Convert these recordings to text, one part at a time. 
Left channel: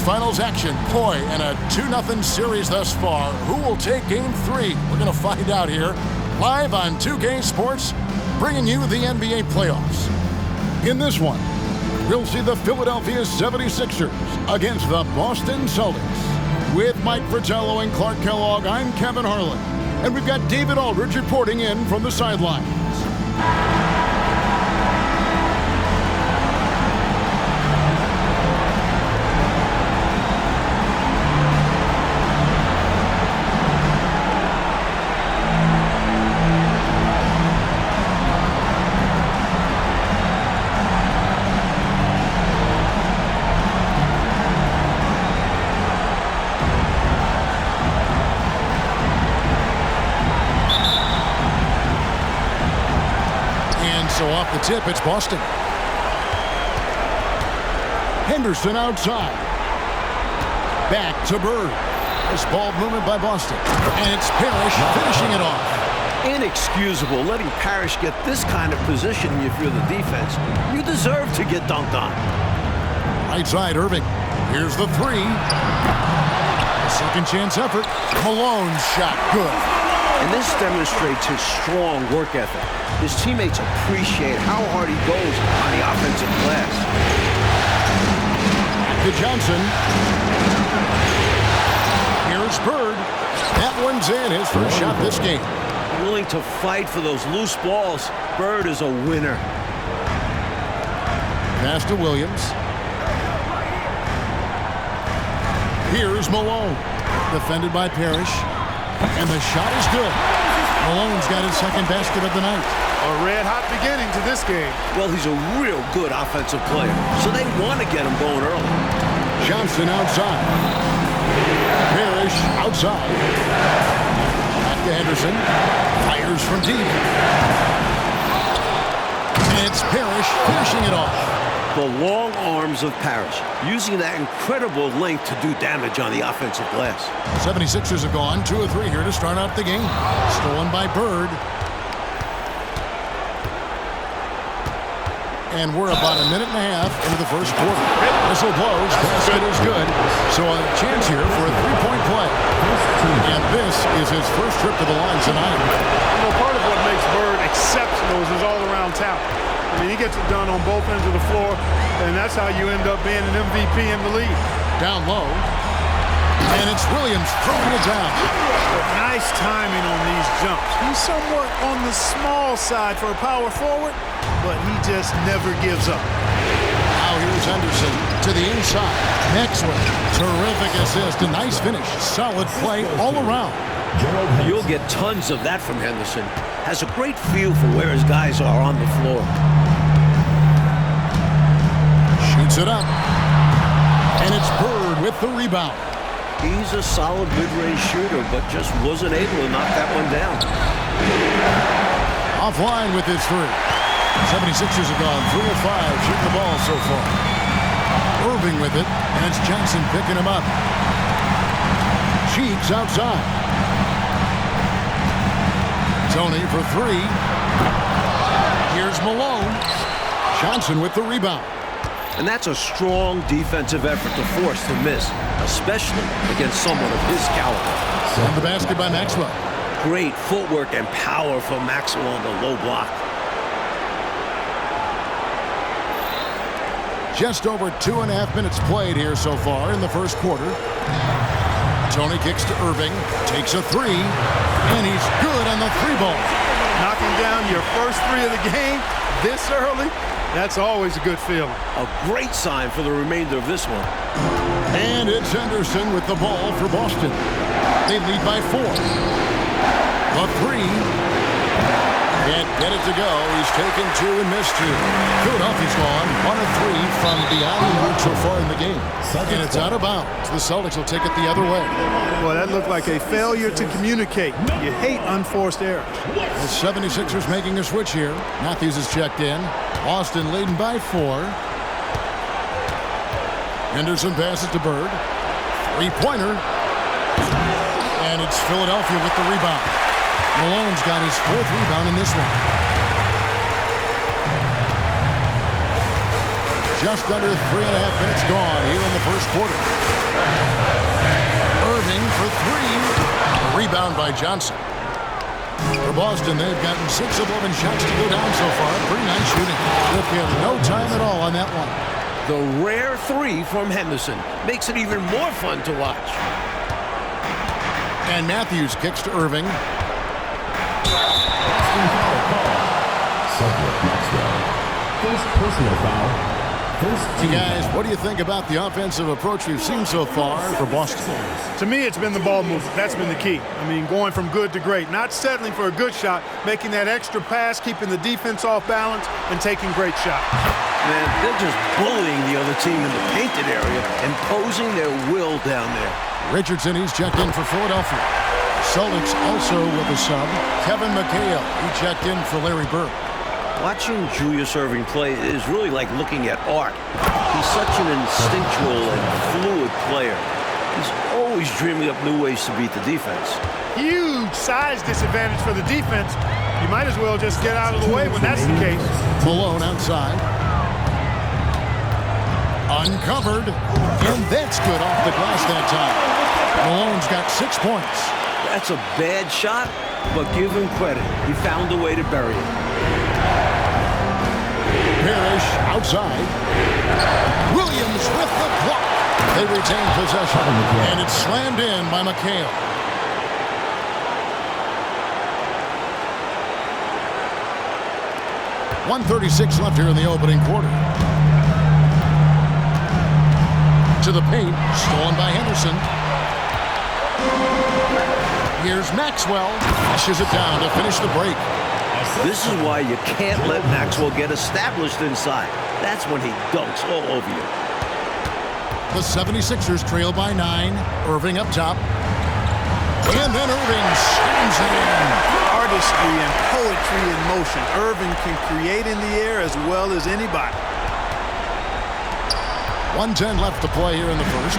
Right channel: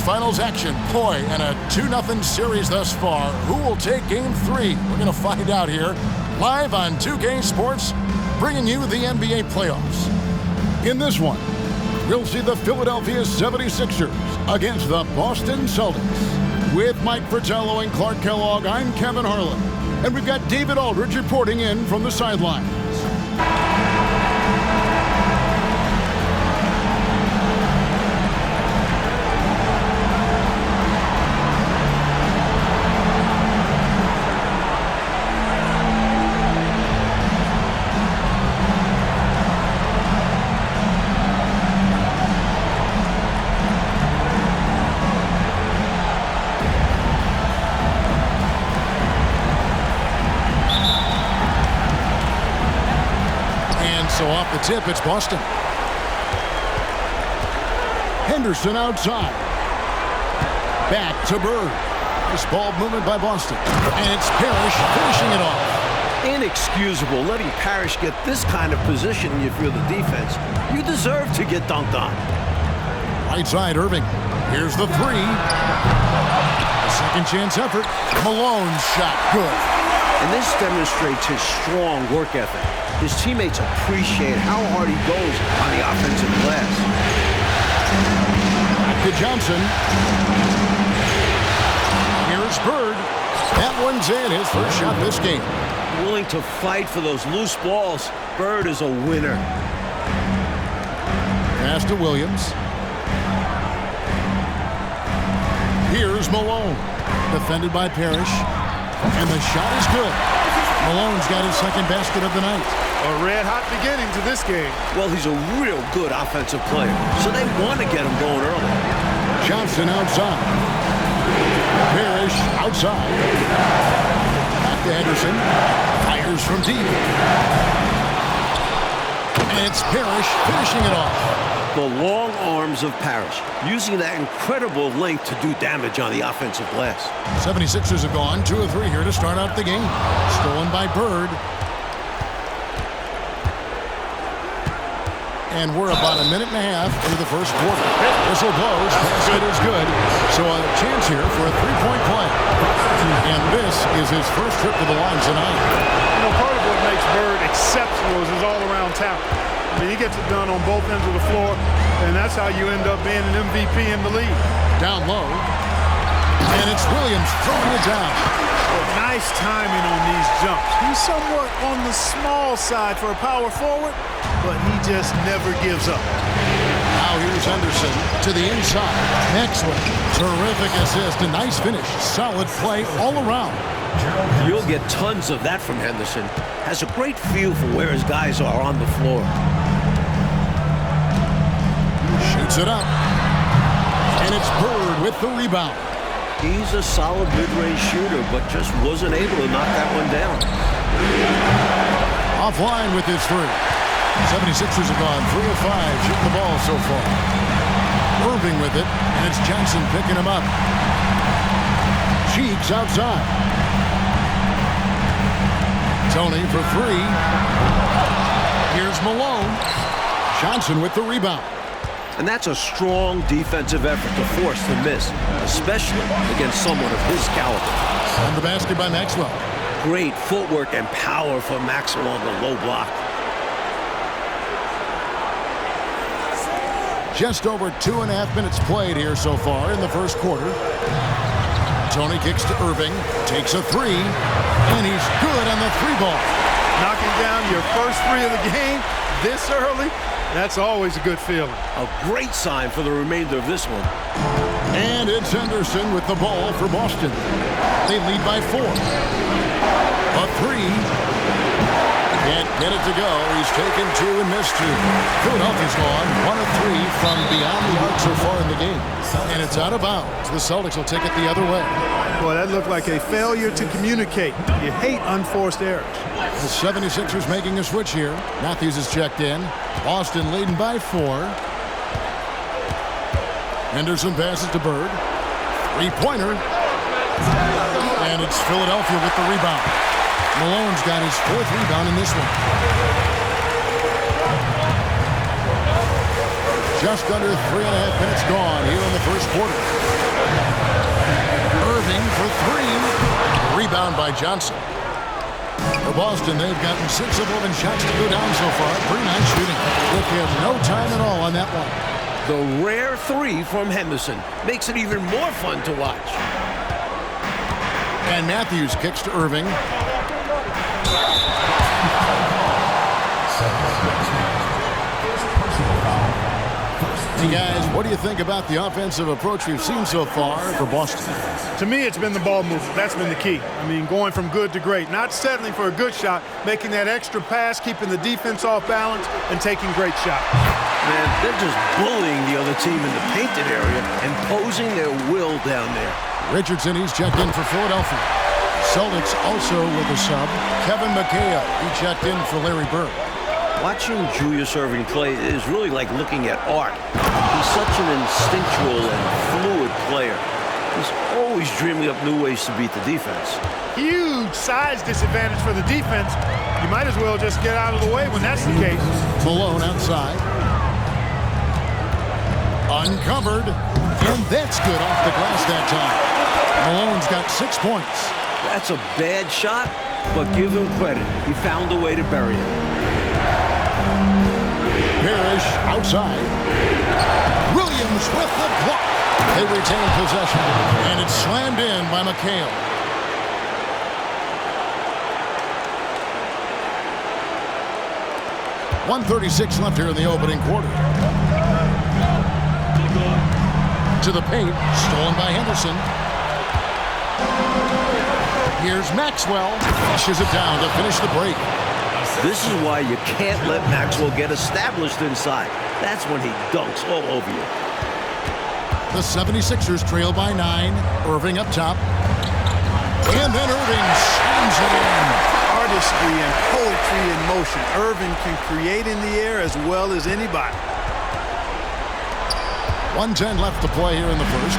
Conference Finals action. Boy, and a 2-0 series thus far. Who will take Game 3? We're going to find out here. Live on 2K Sports, bringing you the NBA playoffs. In this one, we'll see the Philadelphia 76ers against the Boston Celtics. With Mike Fratello and Clark Kellogg, I'm Kevin Harlan. And we've got David Aldridge reporting in from the sidelines. So off the tip, it's Boston. Henderson outside. Back to Bird. Nice ball movement by Boston. And it's Parrish finishing it off. Inexcusable letting Parrish get this kind of position if you're the defense. You deserve to get dunked on. Right side, Irving. Here's the three. A second chance effort. Malone's shot good. And this demonstrates his strong work ethic. His teammates appreciate how hard he goes on the offensive glass. Back to Johnson. Here's Bird. That one's in, his first shot this game. Willing to fight for those loose balls. Bird is a winner. Pass to Williams. Here's Malone. Defended by Parrish. And the shot is good. Malone's got his second basket of the night. A red-hot beginning to this game. Well, he's a real good offensive player, so they want to get him going early. Johnson outside. Parrish outside. Back to Henderson. Fires from deep. And it's Parrish finishing it off. The long arms of Parrish, using that incredible length to do damage on the offensive glass. 76ers have gone 2 of 3 here to start out the game. Stolen by Bird. And we're about a minute and a half into the first quarter. Whistle blows. Basket is good. So a chance here for a three-point play. And this is his first trip to the line tonight. You know, part of what makes Bird exceptional is his all-around talent. I mean, he gets it done on both ends of the floor, and that's how you end up being an MVP in the league. Down low. And it's Williams throwing it down. Well, nice timing on these jumps. He's somewhat on the small side for a power forward, but he just never gives up. Now here's Henderson to the inside. Maxwell. Terrific assist. A nice finish. Solid play all around. You'll get tons of that from Henderson. Has a great feel for where his guys are on the floor. Shoots it up. And it's Bird with the rebound. He's a solid mid-range shooter, but just wasn't able to knock that one down. Offline with his three. 76ers have gone 3 of 5 shooting the ball so far. Irving with it, and it's Johnson picking him up. Cheeks outside. Tony for 3. Here's Malone. Johnson with the rebound. And that's a strong defensive effort to force the miss, especially against someone of his caliber. And the basket by Maxwell. Great footwork and power for Maxwell on the low block. Just over 2.5 minutes played here so far in the first quarter. Tony kicks to Irving, takes a 3, and he's good on the 3 ball. Knocking down your first 3 of the game this early, that's always a good feeling. A great sign for the remainder of this one. And it's Henderson with the ball for Boston. They lead by 4. A 3. Can't get it to go. He's taken 2 and missed 2. Philadelphia's gone 1 of 3 from beyond the arc so far in the game. And it's out of bounds. The Celtics will take it the other way. Well, that looked like a failure to communicate. You hate unforced errors. The 76ers making a switch here. Matthews is checked in. Boston leading by 4. Henderson passes to Bird. 3-pointer. And it's Philadelphia with the rebound. Malone's got his 4th rebound in this one. Just under 3.5 minutes gone here in the first quarter. Irving for three. A rebound by Johnson. For Boston, they've gotten 6 of 11 shots to go down so far. Pretty nice shooting. Took him no time at all on that one. The rare three from Henderson makes it even more fun to watch. And Matthews kicks to Irving. First personal foul. Hey guys, what do you think about the offensive approach we've seen so far for Boston? To me, it's been the ball movement. That's been the key. I mean, going from good to great. Not settling for a good shot, making that extra pass, keeping the defense off balance, and taking great shots. Man, they're just bullying the other team in the painted area, imposing their will down there. Richardson, he's checked in for Philadelphia. Celtics also with a sub. Kevin McHale, he checked in for Larry Bird. Watching Julius Irving play is really like looking at art. He's such an instinctual and fluid player. He's always dreaming up new ways to beat the defense. Huge size disadvantage for the defense. You might as well just get out of the way when that's the case. Malone outside. Uncovered. And that's good off the glass that time. Malone's got 6 points. That's a bad shot, but give him credit. He found a way to bury it. Parrish outside. Williams with the block. They retain possession. And it's slammed in by McHale. .136 left here in the opening quarter. To the paint. Stolen by Henderson. Here's Maxwell. Flushes it down to finish the break. This is why you can't let Maxwell get established inside. That's when he dunks all over you. The 76ers trail by 9. Irving up top. And then Irving slams it in. Artistry and poetry in motion. Irving can create in the air as well as anybody. 1:10 left to play here in the first.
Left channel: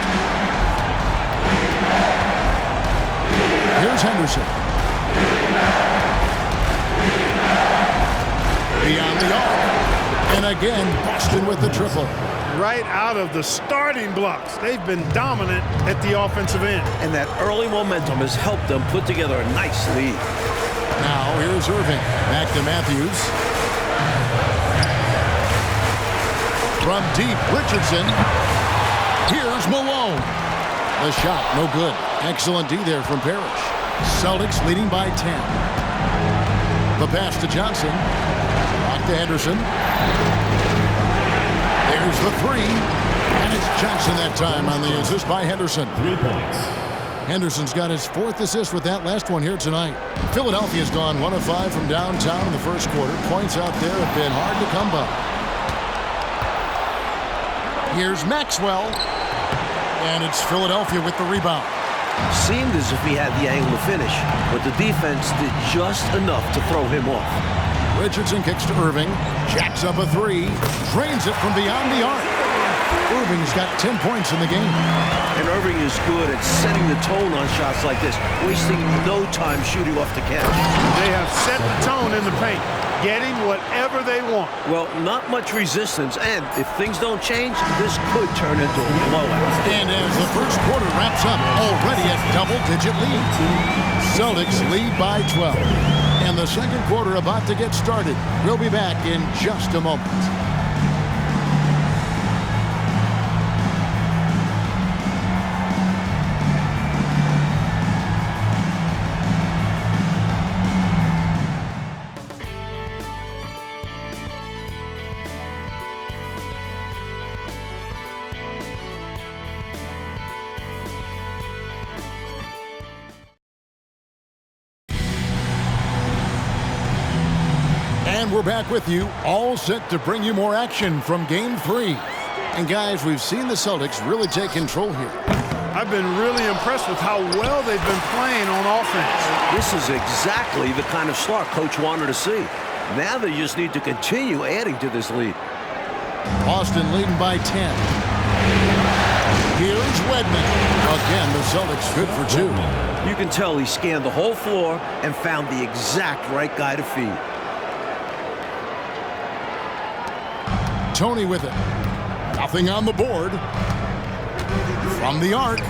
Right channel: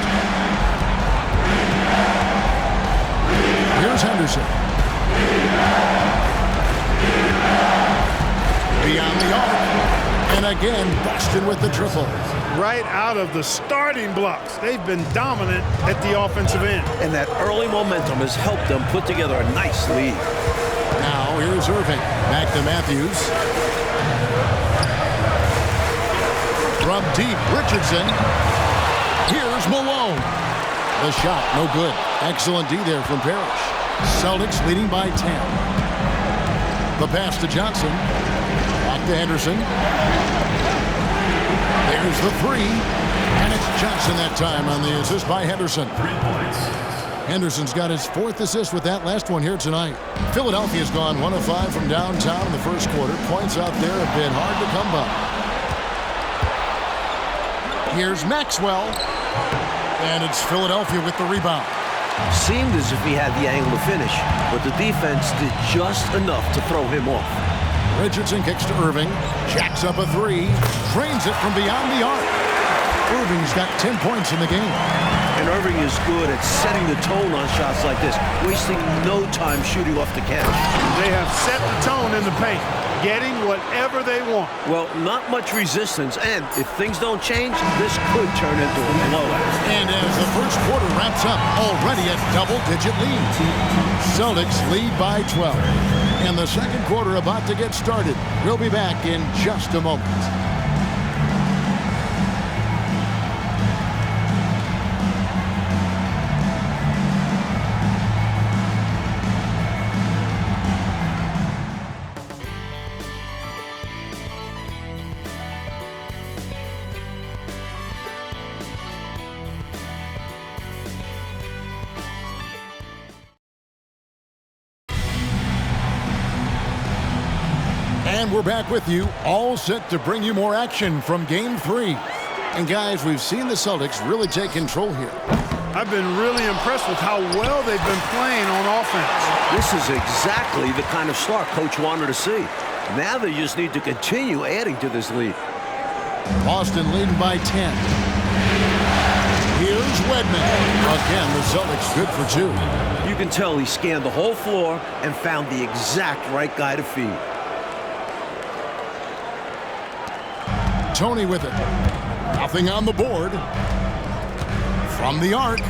Here's Henderson. Beyond the arc. And again, Boston with the triple. Right out of the starting blocks. They've been dominant at the offensive end. And that early momentum has helped them put together a nice lead. Now here's Irving. Back to Matthews. From deep, Richardson. Here's Malone. The shot, no good. Excellent D there from Parrish. Celtics leading by 10. The pass to Johnson. Back to Henderson. There's the three. And it's Johnson that time on the assist by Henderson. 3 points. Henderson's got his 4th assist with that last one here tonight. Philadelphia's gone 1 of 5 from downtown in the first quarter. Points out there have been hard to come by. Here's Maxwell. And it's Philadelphia with the rebound. Seemed as if he had the angle to finish, but the defense did just enough to throw him off. Richardson kicks to Irving. Jacks up a 3. Drains it from beyond the arc. Irving's got 10 points in the game. And Irving is good at setting the tone on shots like this, wasting no time shooting off the catch. They have set the tone in the paint, getting whatever they want. Well, not much resistance, and if things don't change, this could turn into a blowout. And as the first quarter wraps up, already a double-digit lead. Celtics lead by 12. And the second quarter about to get started. We'll be back in just a moment. And we're back with you, all set to bring you more action from Game 3. And guys, we've seen the Celtics really take control here. I've been really impressed with how well they've been playing on offense. This is exactly the kind of start Coach wanted to see. Now they just need to continue adding to this lead. Boston leading by 10. Here's Wedman. Again, the Celtics good for 2. You can tell he scanned the whole floor and found the exact right guy to feed. Tony with it. Nothing on the board. From the arc.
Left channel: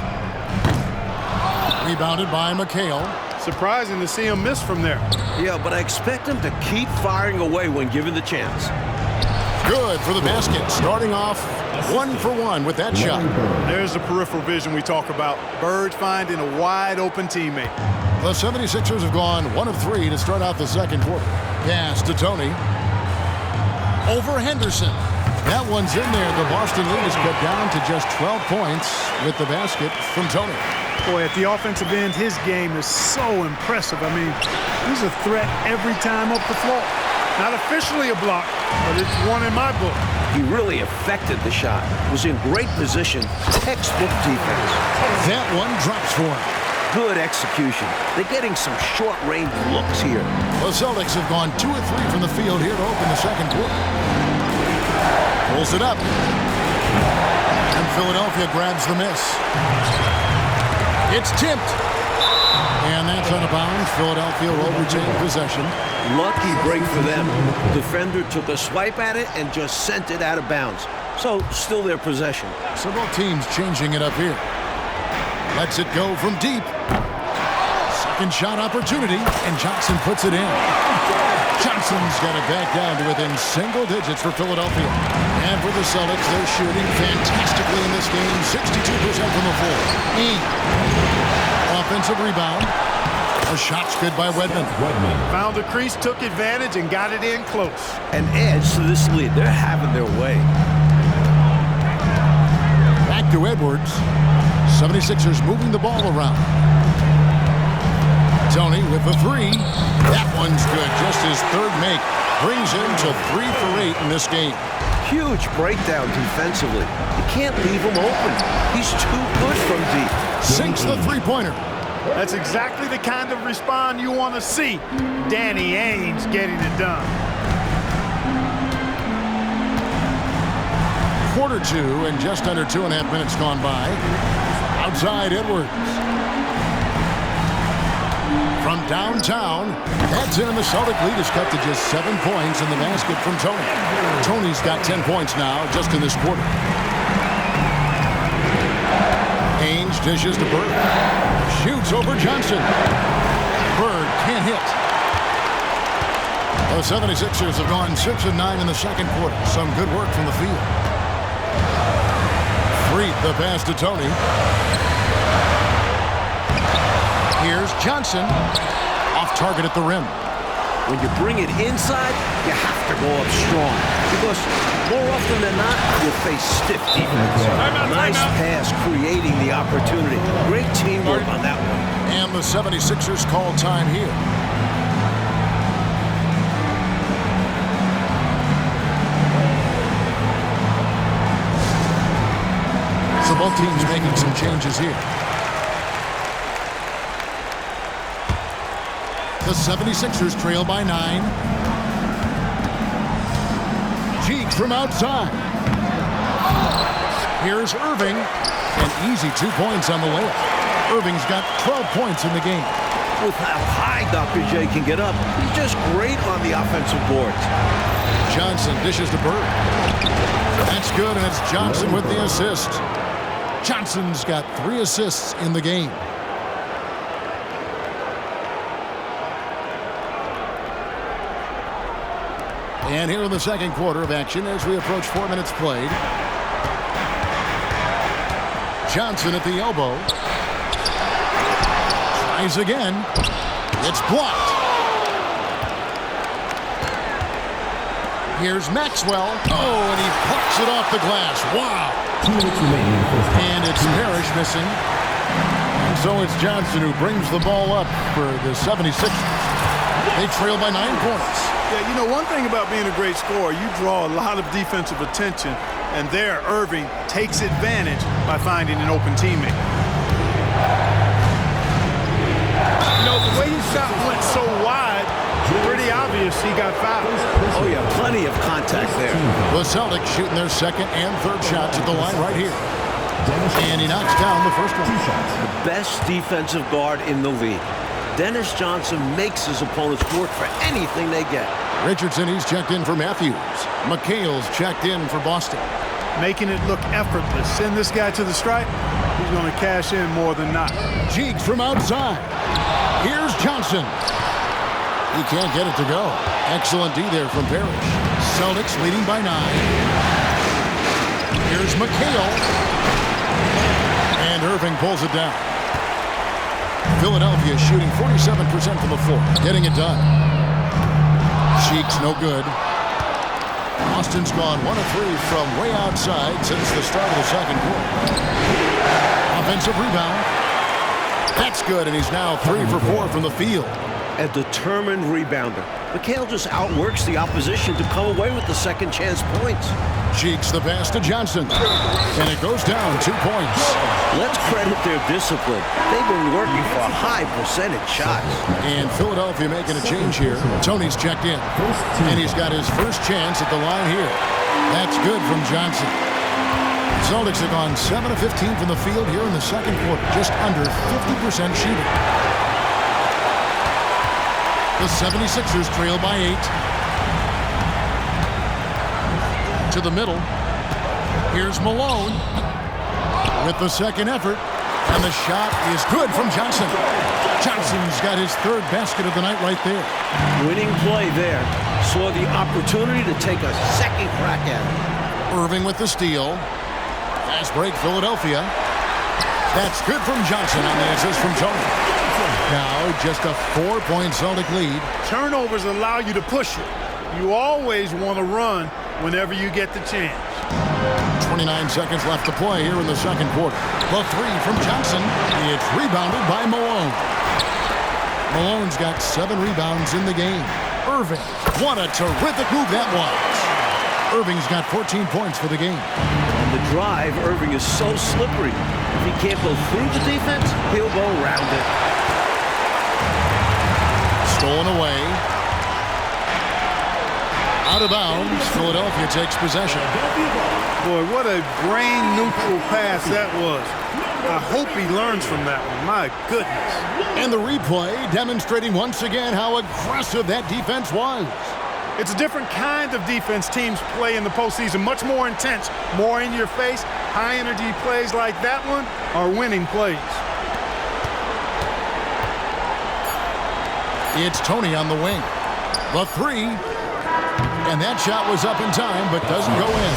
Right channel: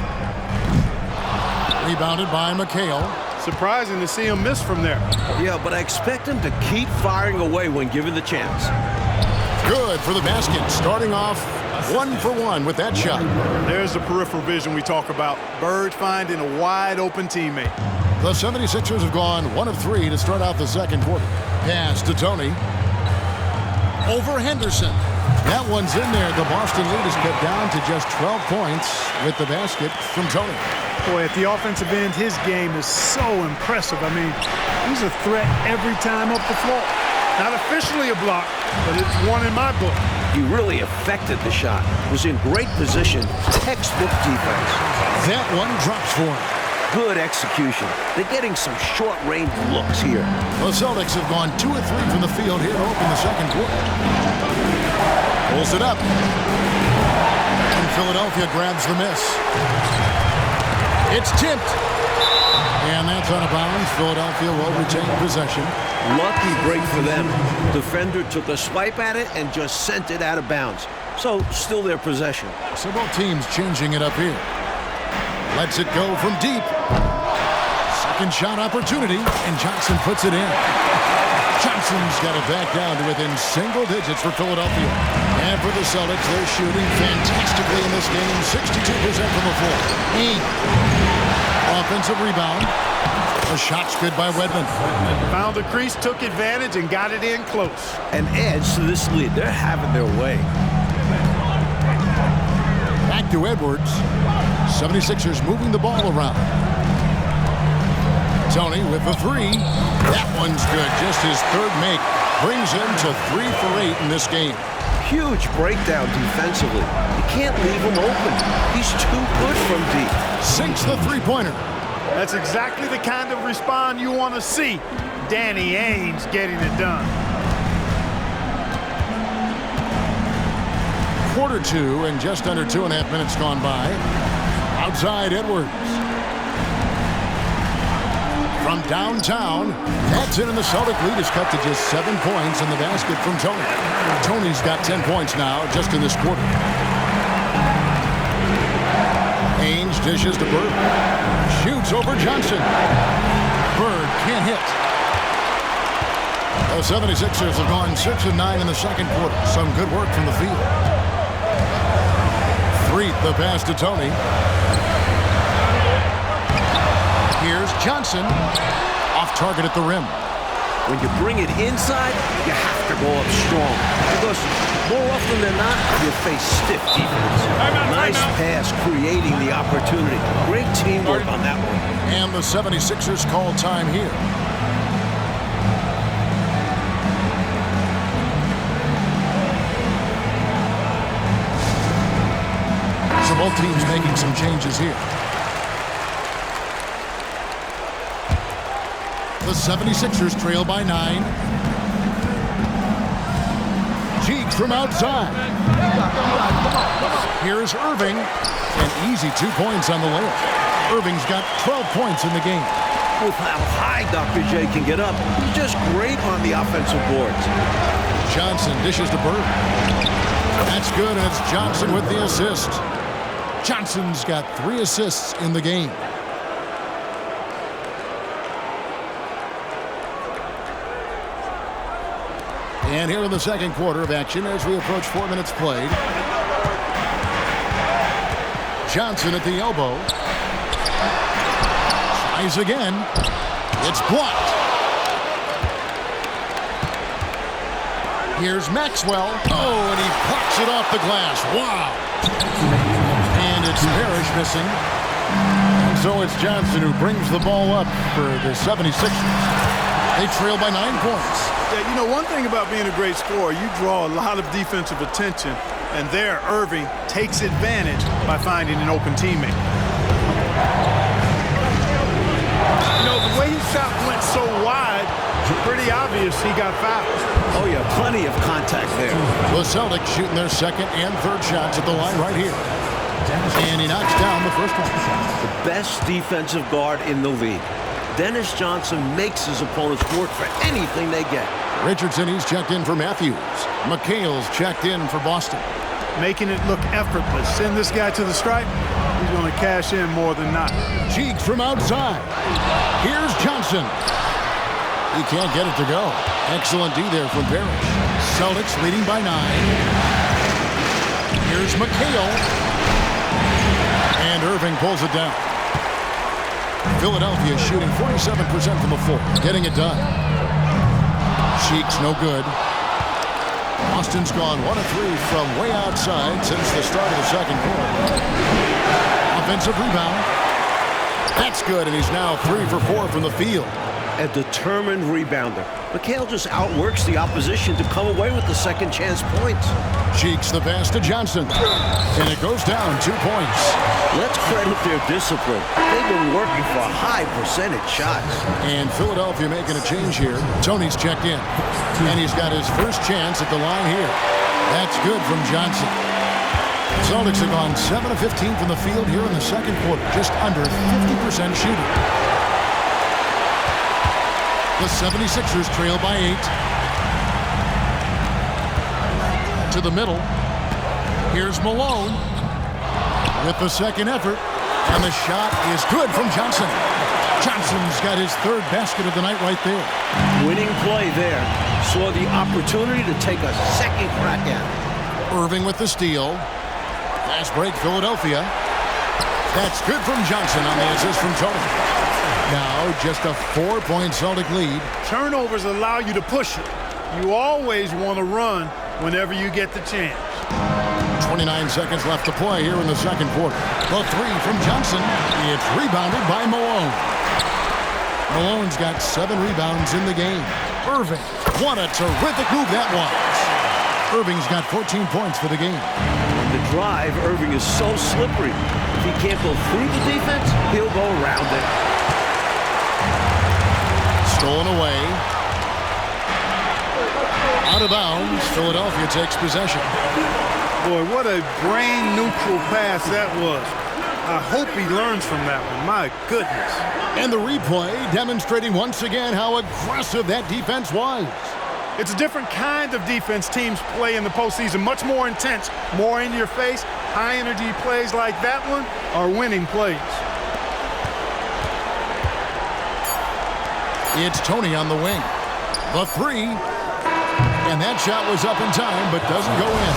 Rebounded by McHale. Surprising to see him miss from there. Yeah, but I expect him to keep firing away when given the chance. Good for the basket. Starting off 1 for 1 with that shot. There's the peripheral vision we talk about. Bird finding a wide open teammate. The 76ers have gone 1 of 3 to start out the second quarter. Pass to Tony. Over Henderson. That one's in there. The Boston lead is cut down to just 12 points with the basket from Tony. Boy, at the offensive end, his game is so impressive. I mean, he's a threat every time up the floor. Not officially a block, but it's one in my book. He really affected the shot. Was in great position. Textbook defense. That one drops for him. Good execution. They're getting some short-range looks here. The Celtics have gone 2 of 3 from the field here to open the second quarter. Pulls it up. And Philadelphia grabs the miss. It's tipped. And that's out of bounds. Philadelphia will retain possession. Lucky break for them. Defender took a swipe at it and just sent it out of bounds. So, still their possession. So both teams changing it up here. Lets it go from deep. Second shot opportunity, and Johnson puts it in. Johnson's got it back down to within single digits for Philadelphia. And for the Celtics, they're shooting fantastically in this game, 62% from the floor. Offensive rebound. A shot's good by Wedman. Found the crease, took advantage, and got it in close. An edge to this lead. They're having their way. Back to Edwards. 76ers moving the ball around. Tony with the three. That one's good. Just his third make. Brings him to 3 for 8 in this game. Huge breakdown defensively. You can't leave him open. He's too good from deep. Sinks the three-pointer. That's exactly the kind of response you want to see. Danny Ainge getting it done. Quarter 2 and just under 2.5 minutes gone by. Outside Edwards. From downtown, that's in, and the Celtic lead is cut to just 7 points in the basket from Tony. Tony's got 10 points now just in this quarter. Ainge dishes to Bird. Shoots over Johnson. Bird can't hit. The 76ers have gone 6 of 9 in the second quarter. Some good work from the field. Freet the pass to Tony. Here's Johnson. Off target at the rim. When you bring it inside, you have to go up strong. Because more often than not, you face stiff defense. Nice pass creating the opportunity. Great teamwork on that one. And the 76ers call time here. So both teams making some changes here. The 76ers trail by 9. Cheeks from outside. Here's Irving. An easy 2 points on the layup. Irving's got 12 points in the game. With how high Dr. J can get up, he's just great on the offensive boards. Johnson dishes to Bird. That's good, and it's Johnson with the assist. Johnson's got 3 assists in the game. And here in the second quarter of action as we approach 4 minutes played. Johnson at the elbow. Tries again. It's blocked. Here's Maxwell. Oh, and he plucks it off the glass. Wow. And it's Parrish missing. And so it's Johnson who brings the ball up for the 76ers. They trail by 9 points. Yeah, you know, one thing about being a great scorer, you draw a lot of defensive attention, and there Irving takes advantage by finding an open teammate. You know, the way his shot went so wide, pretty obvious he got fouled. Oh, yeah, plenty of contact there. The Celtics shooting their second and third shots at the line right here. And he knocks down the first one. The best defensive guard in the league. Dennis Johnson makes his opponents work for anything they get. Richardson, he's checked in for Matthews. McHale's checked in for Boston. Making it look effortless. Send this guy to the stripe. He's going to cash in more than not. Cheeks from outside. Here's Johnson. He can't get it to go. Excellent D there from Parrish. Celtics leading by 9. Here's McHale. And Irving pulls it down. Philadelphia shooting 47% from the floor. Getting it done. Cheeks no good. Boston's gone 1 of 3 from way outside since the start of the second quarter. Offensive rebound. That's good, and he's now 3 for 4 from the field. A determined rebounder. McHale just outworks the opposition to come away with the second chance points. Cheeks the pass to Johnson. And it goes down 2 points. Let's credit their discipline. They've been working for high percentage shots. And Philadelphia making a change here. Tony's checked in. And he's got his first chance at the line here. That's good from Johnson. The Celtics have gone 7 of 15 from the field here in the second quarter. Just under 50% shooting. The 76ers trail by 8. To the middle. Here's Malone with the second effort. And the shot is good from Johnson. Johnson's got his 3rd basket of the night right there. Winning play there. Saw the opportunity to take a second crack at it. Irving with the steal. Fast break, Philadelphia. That's good from Johnson on the assist from Tony. Now just a 4-point Celtic lead. Turnovers allow you to push it. You always want to run whenever you get the chance. 29 seconds left to play here in the second quarter. The 3 from Johnson. It's rebounded by Malone. Malone's got 7 rebounds in the game. Irving, what a terrific move that was. Irving's got 14 points for the game. On the drive, Irving is so slippery. If he can't go through the defense, he'll go around it. Stolen away. Out of bounds. Philadelphia takes possession. Boy, what a brain-neutral pass that was. I hope he learns from that one. My goodness. And the replay demonstrating once again how aggressive that defense was. It's a different kind of defense teams play in the postseason. Much more intense, more in your face. High-energy plays like that one are winning plays. It's Tony on the wing. The 3. And that shot was up in time, but doesn't go in.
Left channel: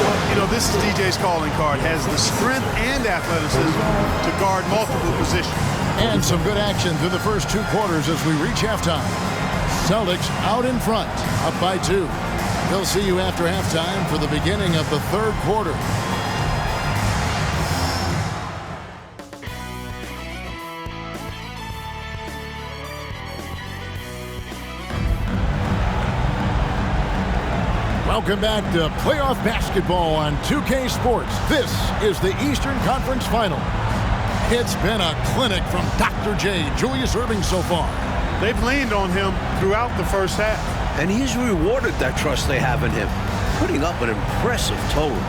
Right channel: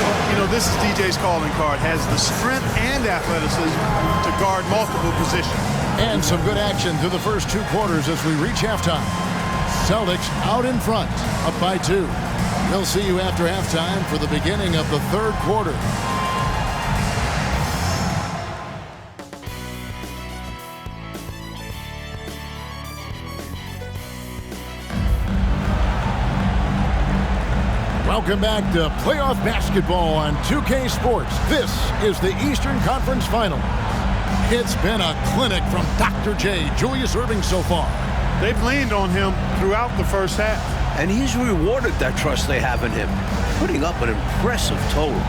Well, you know, this is DJ's calling card. Has the strength and athleticism to guard multiple positions. And some good action through the first 2 quarters as we reach halftime. Celtics out in front, up by 2. We'll see you after halftime for the beginning of the 3rd quarter. Welcome back to playoff basketball on 2K Sports. This is the Eastern Conference Finals. It's been a clinic from Dr. J, Julius Irving so far. They've leaned on him throughout the first half. And he's rewarded that trust they have in him, putting up an impressive total.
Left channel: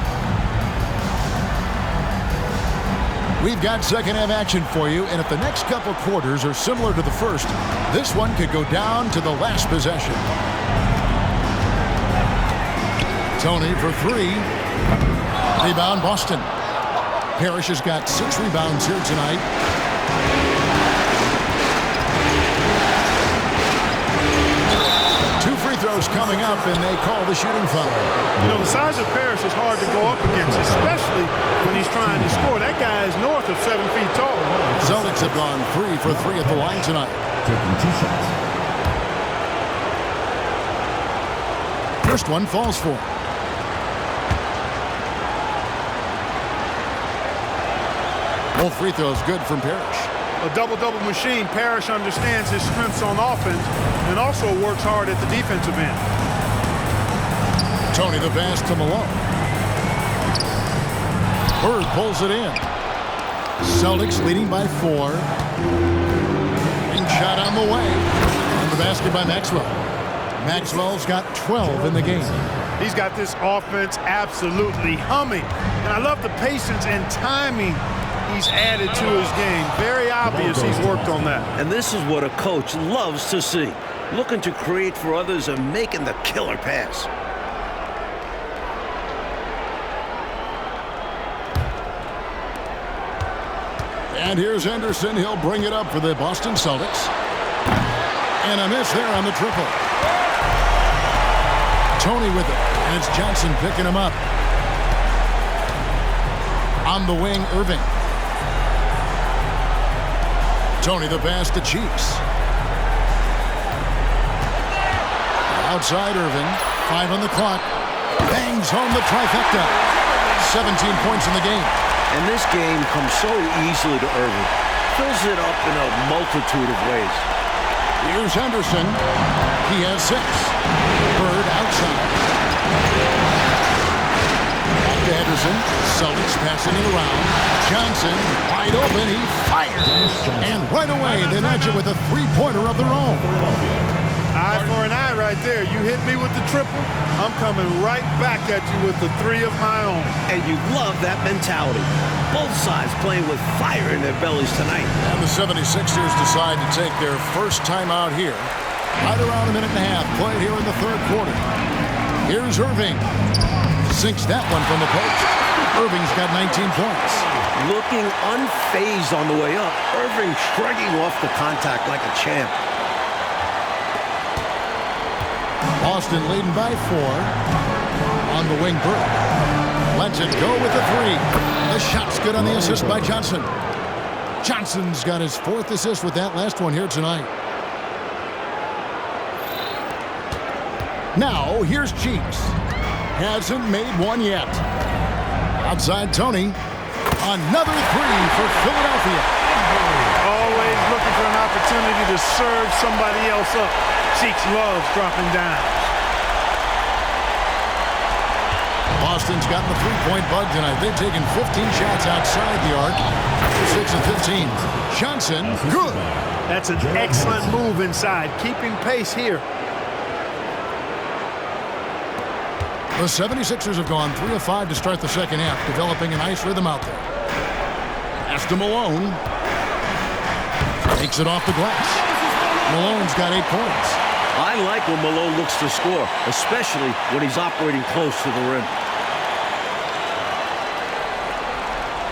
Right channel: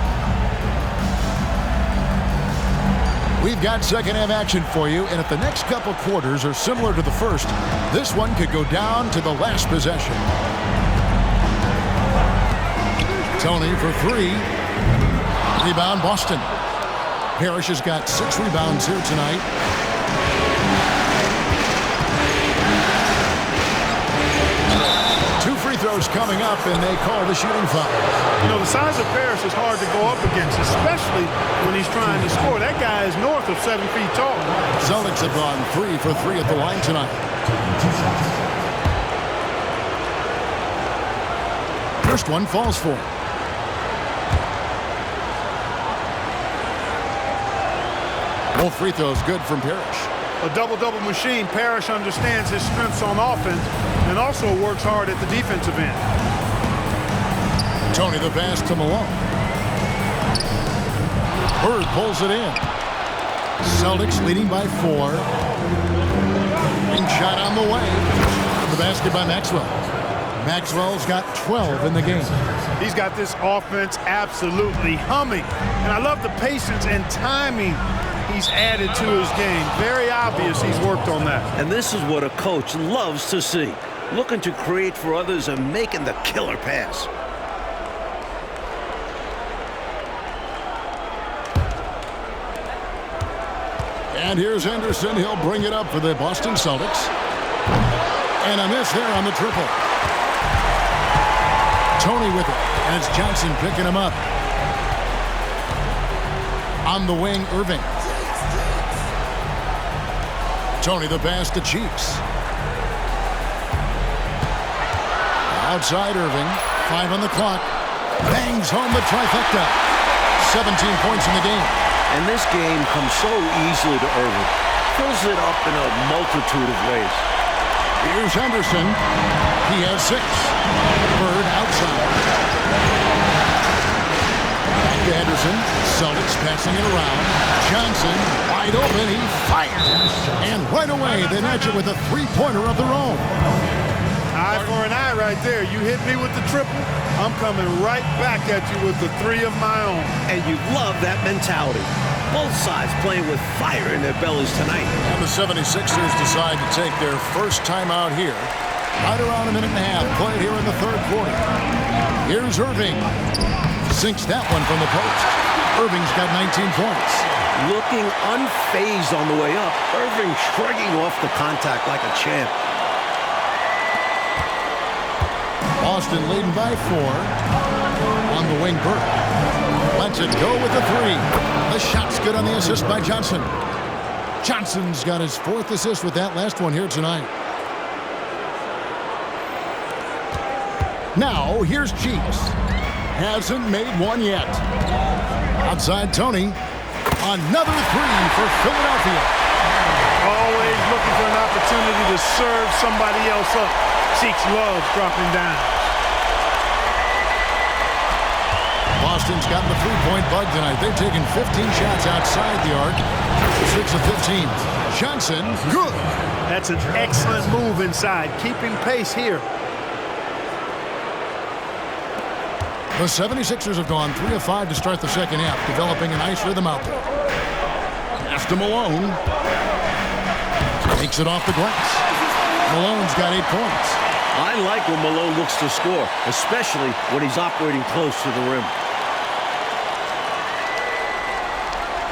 We've got second half action for you, and if the next couple quarters are similar to the first, this one could go down to the last possession. Tony for 3. Rebound, Boston. Parrish has got 6 rebounds here tonight. Two free throws coming up, and they call the shooting foul. You know, the size of Parrish is hard to go up against, especially when he's trying to score. That guy is north of 7 feet tall. Celtics have gone 3 for 3 at the line tonight. Taking 2 shots. First one falls for him. Both free throws good from Parrish. A double-double machine. Parrish understands his strengths on offense and also works hard at the defensive end. Tony the pass to Malone. Bird pulls it in. Celtics leading by 4. Wing shot on the way. And the basket by Maxwell. Maxwell's got 12 in the game. He's got this offense absolutely humming. And I love the patience and timing he's added to his game. Very obvious he's worked on that. And this is what a coach loves to see. Looking to create for others and making the killer pass. And here's Henderson. He'll bring it up for the Boston Celtics. And a miss there on the triple. Tony with it. And it's Johnson picking him up. On the wing, Irving. Tony the pass to Cheeks. Outside Irving. 5 on the clock. Bangs home the trifecta. 17 points in the game. And this game comes so easily to Irving. Fills it up in a multitude of ways. Here's Henderson. He has 6. Bird outside. Back to Henderson. Celtics passing it around. Johnson wide open. He fires. And right away they match it with a 3-pointer of their own. Eye for an eye right there. You hit me with the triple, I'm coming right back at you with the 3 of my own. And you love that mentality. Both sides playing with fire in their bellies tonight. And the 76ers decide to take their first time out here. Right around a minute and a half played here in the third quarter. Here's Irving. Sinks that one from the post. Irving's got 19 points. Looking unfazed on the way up. Irving shrugging off the contact like a champ. Boston leading by 4. On the wing, Burke. Lets it go with the 3. The shot's good on the assist by Johnson. Johnson's got his 4th assist with that last one here tonight. Now, here's Cheeks. Hasn't made one yet. Outside Tony. Another 3 for Philadelphia. Always looking for an opportunity to serve somebody else up. Cheeks loves dropping down. Boston's gotten the 3-point bug tonight. They've taken 15 shots outside the arc. 6 of 15. Johnson, good. That's an excellent move inside, keeping pace here. The 76ers have gone 3 of 5 to start the second half, developing a nice rhythm out there. Pass to Malone. Takes it off the glass. Malone's got 8 points. I like when Malone looks to score, especially when he's operating close to the rim.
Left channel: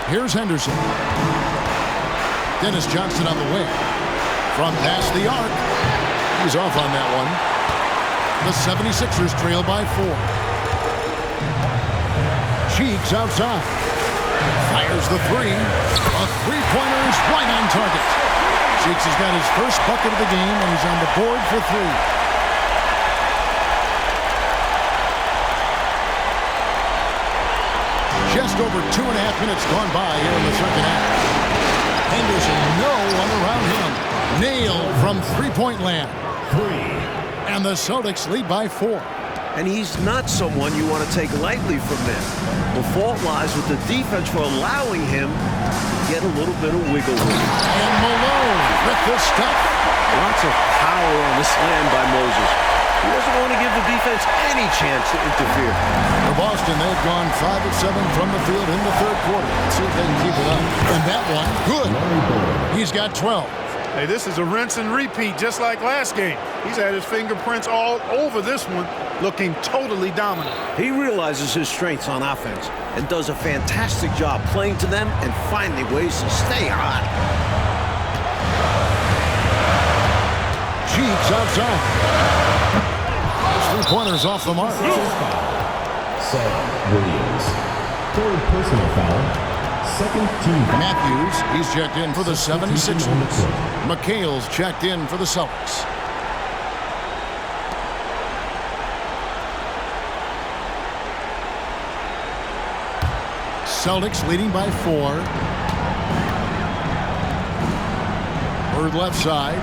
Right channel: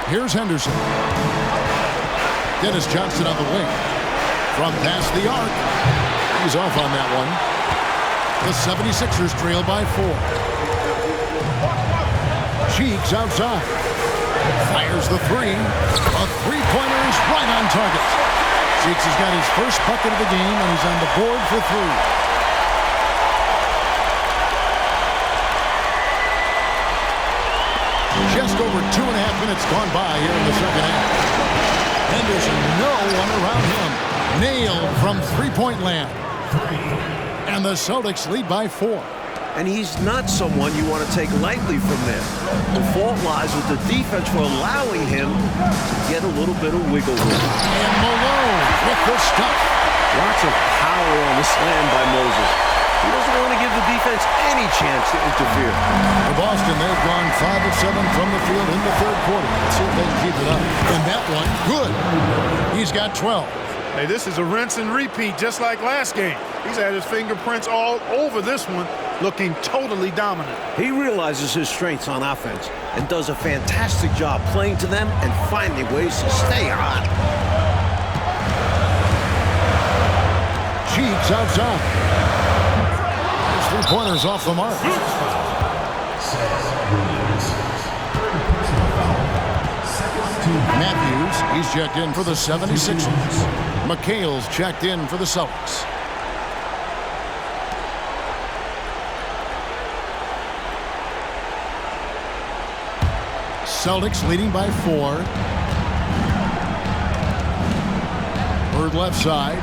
Here's Henderson. Dennis Johnson on the wing. From past the arc. He's off on that one. The 76ers trail by 4. Cheeks outside. Fires the 3. A 3-pointer is right on target. Cheeks has got his first bucket of the game, and he's on the board for 3. Just over 2.5 minutes gone by here in the second half. Henderson, no one around him. Nailed from 3-point land. 3. And the Celtics lead by 4. And he's not someone you want to take lightly from there. The fault lies with the defense for allowing him to get a little bit of wiggle room. And Malone with the stuff. Lots of power on the slam by Moses. He doesn't want to give the defense any chance to interfere. For Boston, they've gone 5 of 7 from the field in the third quarter. Let's see if they can keep it up. And that one, good. He's got 12. Hey, this is a rinse and repeat just like last game. He's had his fingerprints all over this one, looking totally dominant. He realizes his strengths on offense and does a fantastic job playing to them and finding ways to stay hot. Cheeks outside. His 3-pointer's off the mark. Sam Williams. 3rd personal foul. 2nd team. Matthews, he's checked in for the 76ers. McHale's checked in for the Celtics. Celtics leading by 4. Bird left side.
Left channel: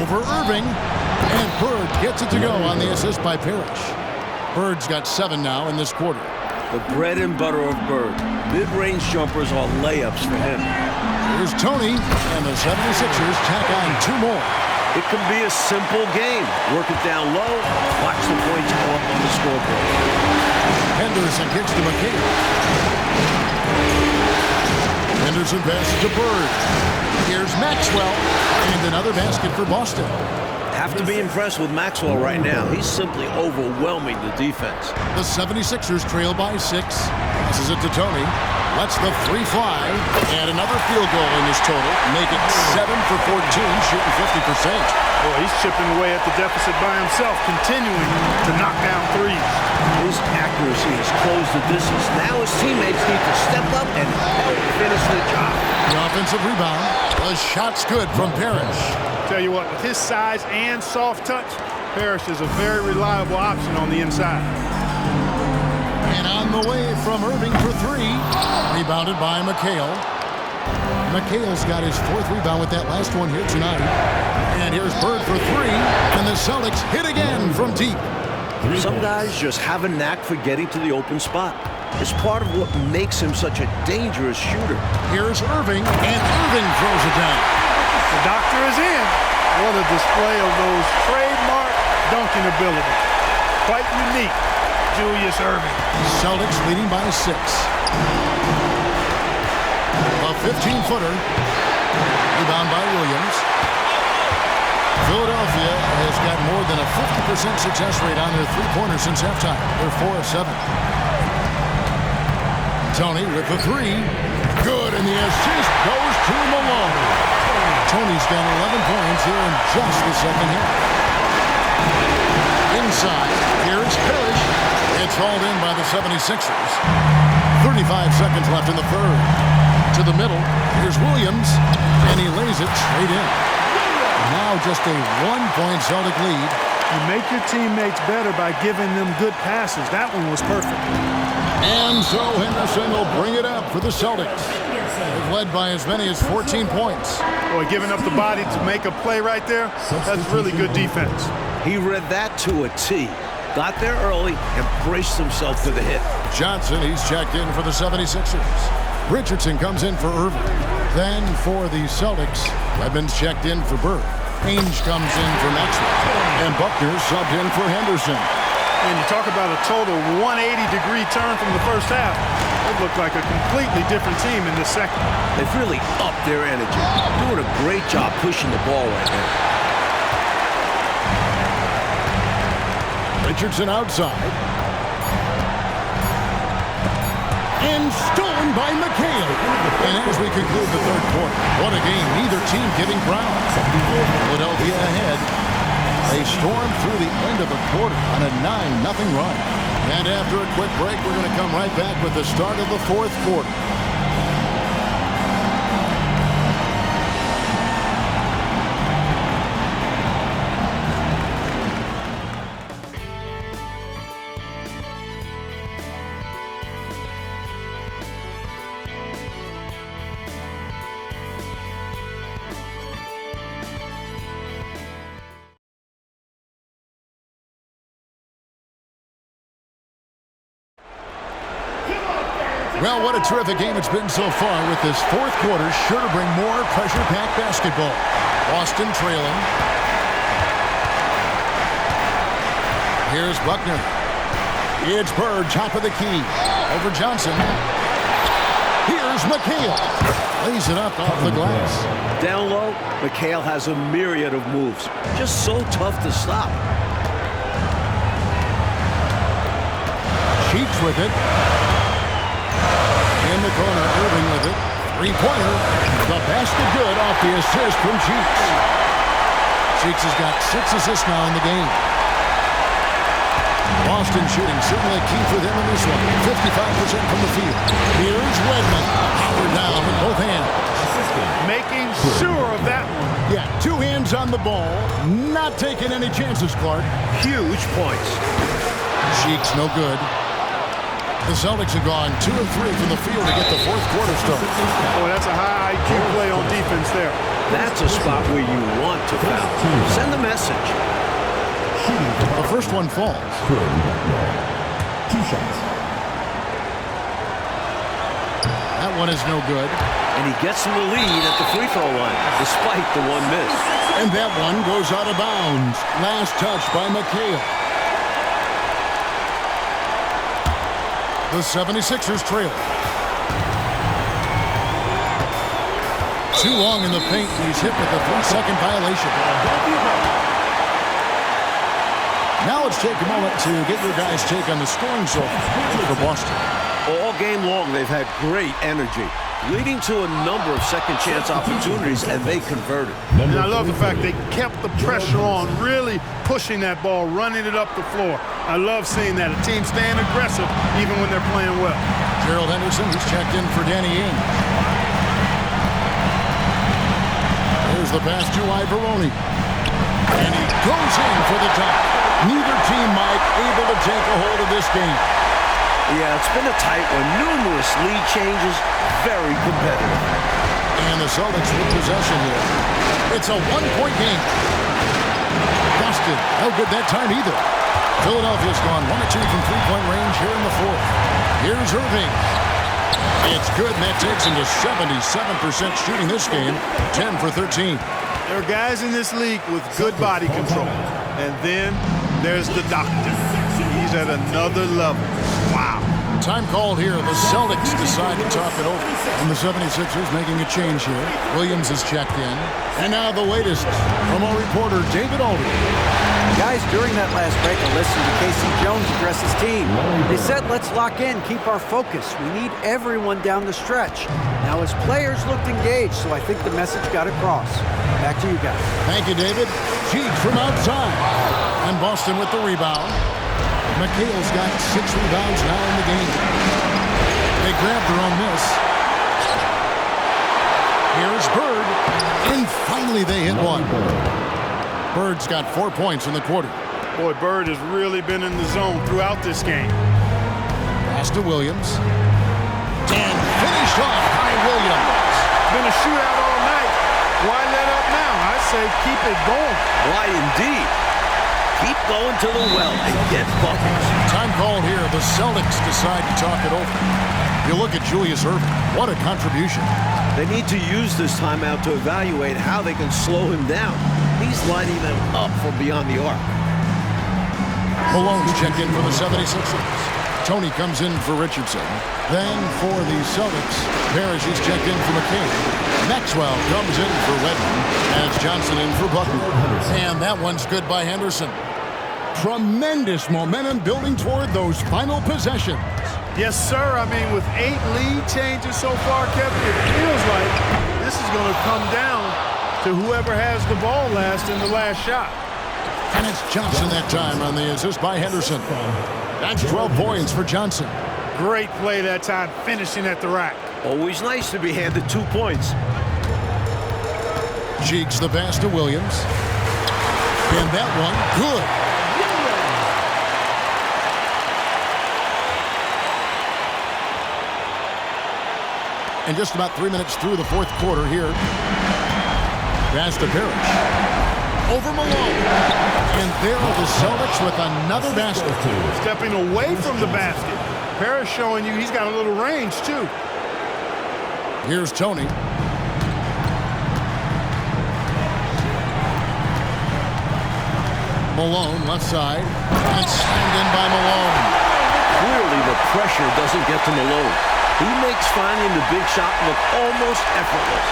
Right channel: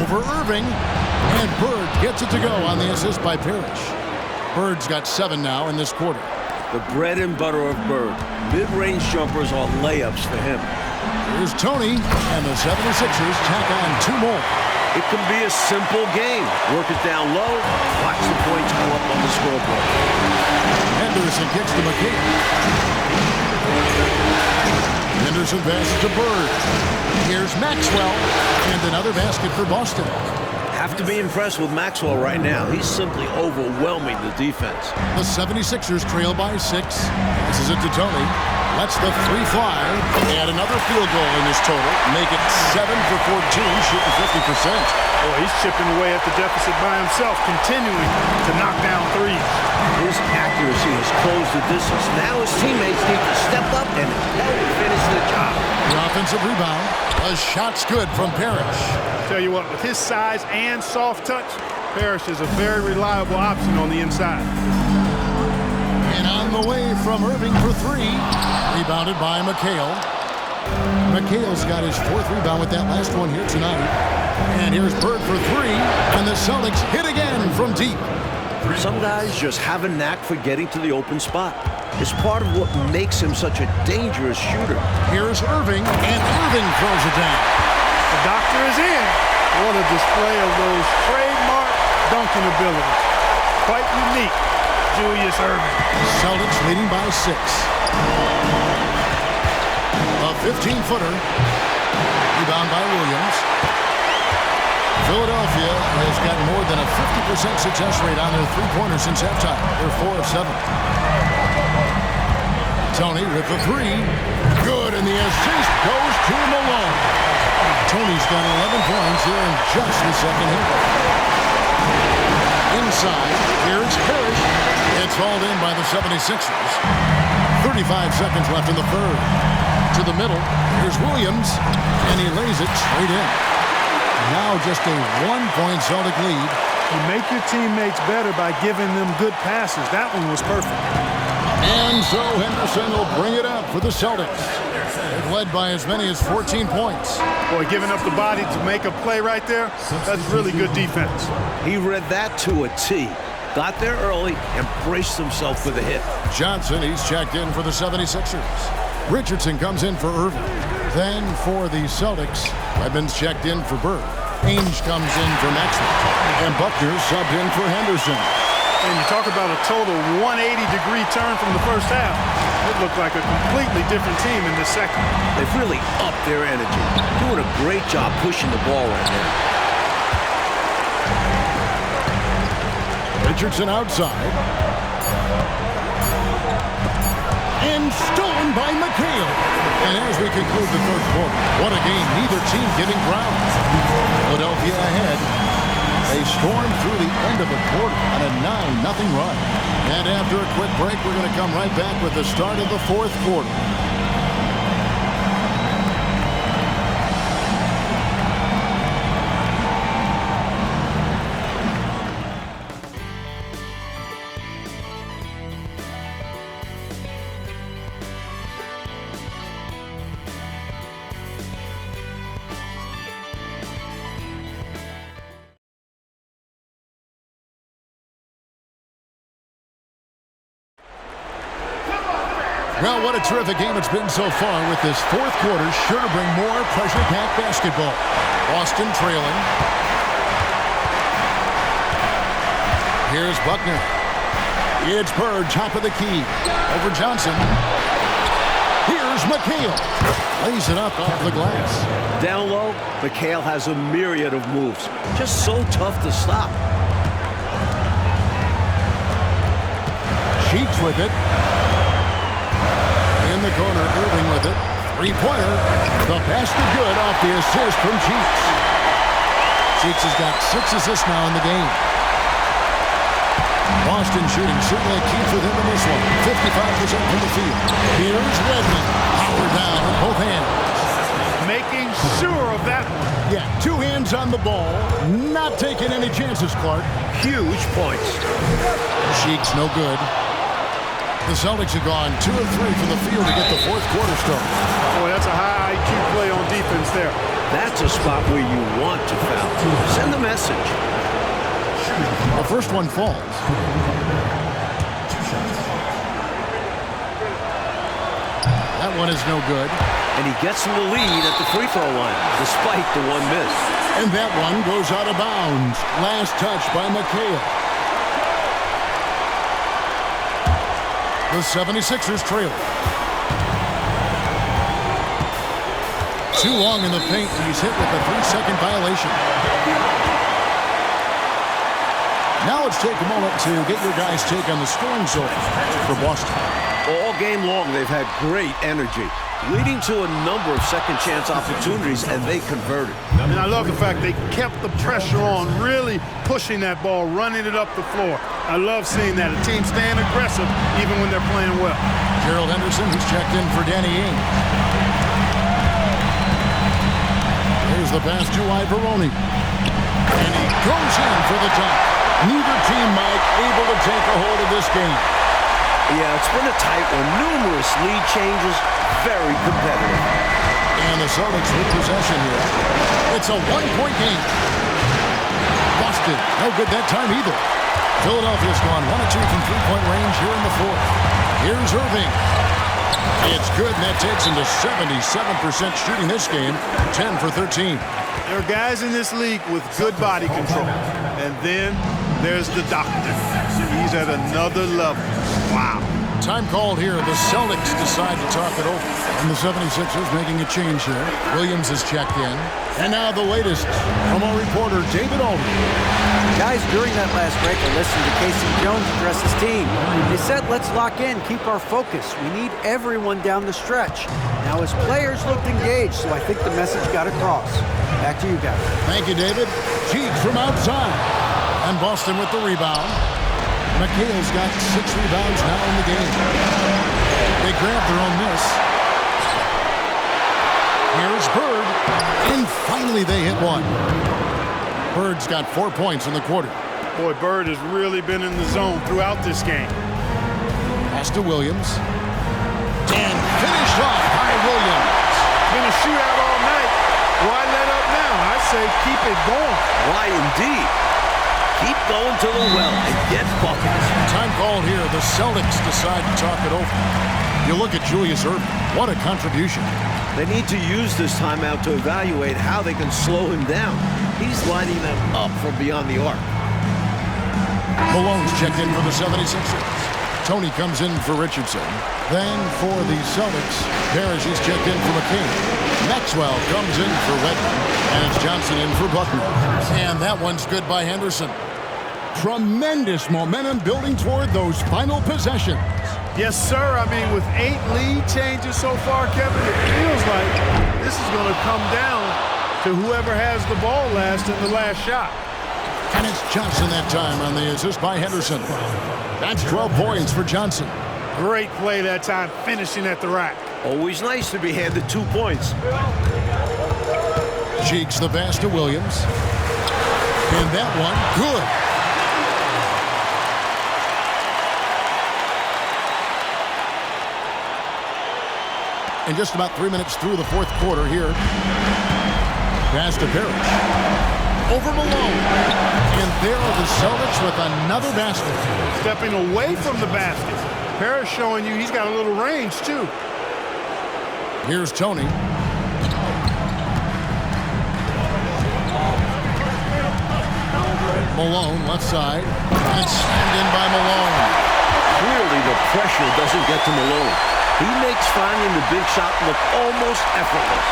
Over Irving. And Bird gets it to go on the assist by Parrish. Bird's got 7 now in this quarter. The bread and butter of Bird. Mid-range jumpers are layups for him. Here's Tony, and the 76ers tack on 2 more. It can be a simple game. Work it down low, watch the points go up on the scoreboard. Henderson kicks to McHale. Henderson passes to Bird. Here's Maxwell, and another basket for Boston. Have to be impressed with Maxwell right now. He's simply overwhelming the defense. The 76ers trail by 6. Passes it to Tony. Lets the three fly. And another field goal in his total. Make it 7 for 14, shooting 50%. Boy, he's chipping away at the deficit by himself, continuing to knock down threes. His accuracy has closed the distance. Now his teammates need to step up and help finish the job. The offensive rebound. The shot's good from Parrish. Tell you what, with his size and soft touch, Parrish is a very reliable option on the inside. And on the way from Irving for three. Rebounded by McHale. McHale's got his fourth rebound with that last one here tonight. And here's Bird for three. And the Celtics hit again from deep. Some guys just have a knack for getting to the open spot. It's part of what makes him such a dangerous shooter. Here's Irving, and Irving throws it down. The doctor is in. What a display of those trademark dunking abilities. Quite unique, Julius Irving. Celtics leading by 6. A 15-footer. Rebound by Williams. Philadelphia has got more than a 50% success rate on their three-pointers since halftime. They're 4 of 7. Tony with the three. Good, and the assist goes to Malone. Tony's got 11 points here in just the second half. Inside, here's Parrish. It's hauled in by the 76ers. 35 seconds left in the third. To the middle, here's Williams, and he lays it straight in. Now just a 1-point Celtic lead. You make your teammates better by giving them good passes. That one was perfect. And so Henderson will bring it up for the Celtics. They've led by as many as 14 points. Boy, giving up the body to make a play right there, that's really good defense. He read that to a T. Got there early and braced himself for the hit. Johnson, he's checked in for the 76ers. Richardson comes in for Irving. Then for the Celtics, Redmond's checked in for Bird. Ainge comes in for Maxwell. And Buckner subbed in for Henderson. And you talk about a total 180-degree turn from the first half. It looked like a completely different team in the second. They've really upped their energy. Doing a great job pushing the ball right now. Richardson outside. And stolen by McHale. And as we conclude the third quarter, what a game. Neither team getting ground. Philadelphia ahead. They stormed through the end of the quarter on a 9-0 run. And after a quick break, we're going to come right back with the start of the fourth quarter. Well, what a terrific game it's been so far, with this fourth quarter sure to bring more pressure-packed basketball. Boston trailing. Here's Buckner. It's Bird, top of the key. Over Johnson. Here's McHale. Lays it up off the glass. Down low, McHale has a myriad of moves. Just so tough to stop. Cheeks with it. In the corner, Irving with it. Three-pointer. The basket good off the assist from Cheeks. Cheeks has got 6 assists now in the game. Boston shooting certainly a key for them in this one. 55% from the field. Here's Redmond. Powered down with both hands. Making sure of that one. Yeah, 2 hands on the ball. Not taking any chances, Clark. Huge points. Cheeks no good. The Celtics have gone 2 of 3 from the field to get the fourth quarter started. Boy, that's a high IQ play on defense there. That's a spot where you want to foul. Send a message. The first one falls. 2 shots. That one is no good. And he gets him the lead at the free throw line, despite the one miss. And that one goes out of bounds. Last touch by McHale. The 76ers trail. Too long in the paint. He's hit with a 3-second violation. Now let's take a moment to get your guys' take on the scoring so far for Boston. All game long, they've had great energy, leading to a number of second-chance opportunities, and they converted. And I love the fact they kept the pressure on, really pushing that ball, running it up the floor. I love seeing that. A team staying aggressive even when they're playing well. Gerald Henderson, he's checked in for Danny Ainge. There's the pass to Ivoroni. And he goes in for the dunk. Neither team, Mike, able to take a hold of this game. Yeah, it's been a tight one. Numerous lead changes, very competitive. And the Celtics with possession here. It's a one-point game. Boston, no good that time either. Philadelphia's gone 1 of 2 from three-point range here in the fourth. Here's Irving. It's good, and that takes him to 77% shooting this game, 10 for 13. There are guys in this league with good body control. And then there's the doctor. He's at another level. Wow. Time called here. The Celtics decide to talk it over. And the 76ers making a change here. Williams has checked in. And now the latest from our reporter, David Aldridge. Guys, during that last break, I listened to Casey Jones address his team. They said, let's lock in, keep our focus. We need everyone down the stretch. Now his players looked engaged, so I think the message got across. Back to you guys. Thank you, David. Cheek from outside. And Boston with the rebound. McHale's got 6 rebounds now in the game. They grab their own miss. Here's Bird. And finally they hit one. Bird's got 4 points in the quarter. Boy, Bird has really been in the zone throughout this game. Pass to Williams. And finished off by Williams. Been a shootout all night. Why let up now? I say keep it going. Why indeed? Keep going to the well and get buckets. Time called here. The Celtics decide to talk it over. You look at Julius Irving. What a contribution. They need to use this timeout to evaluate how they can slow him down. He's lining them up from beyond the arc. Malone's checked in for the 76ers. Tony comes in for Richardson. Then for the Celtics, Parrish is checked in for McCain. Maxwell comes in for Wedman. And it's Johnson in for Buckner. And that one's good by Henderson. Tremendous momentum building toward those final possessions. Yes, sir. I mean, with 8 lead changes so far, Kevin, it feels like this is going to come down to whoever has the ball last in the last shot. And it's Johnson that time on the assist by Henderson. That's 12 points for Johnson. Great play that time, finishing at the rack. Always nice to be handed 2 points. Cheeks the pass to Williams. And that one, good. And just about 3 minutes through the fourth quarter here. Pass to Parrish. Over Malone. And there are the Celtics with another basket. Stepping away from the basket. Parrish showing you he's got a little range, too. Here's Tony. Malone, left side. And slammed in by Malone. Clearly, the pressure doesn't get to Malone. He makes finding the big shot look almost effortless.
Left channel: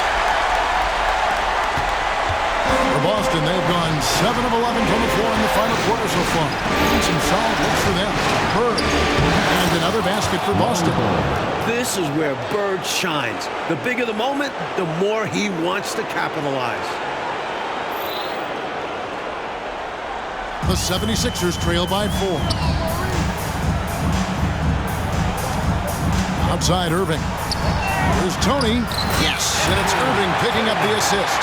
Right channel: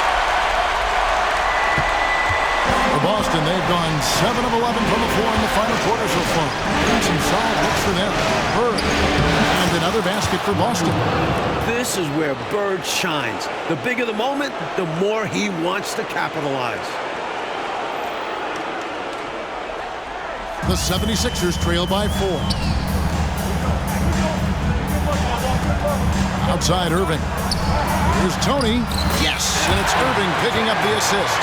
For Boston, they've gone 7 of 11 from the floor in the final quarter so far. And some solid looks for them. Bird. And another basket for Boston. This is where Bird shines. The bigger the moment, the more he wants to capitalize. The 76ers trail by 4. Outside Irving. Here's Tony. Yes, and it's Irving picking up the assist.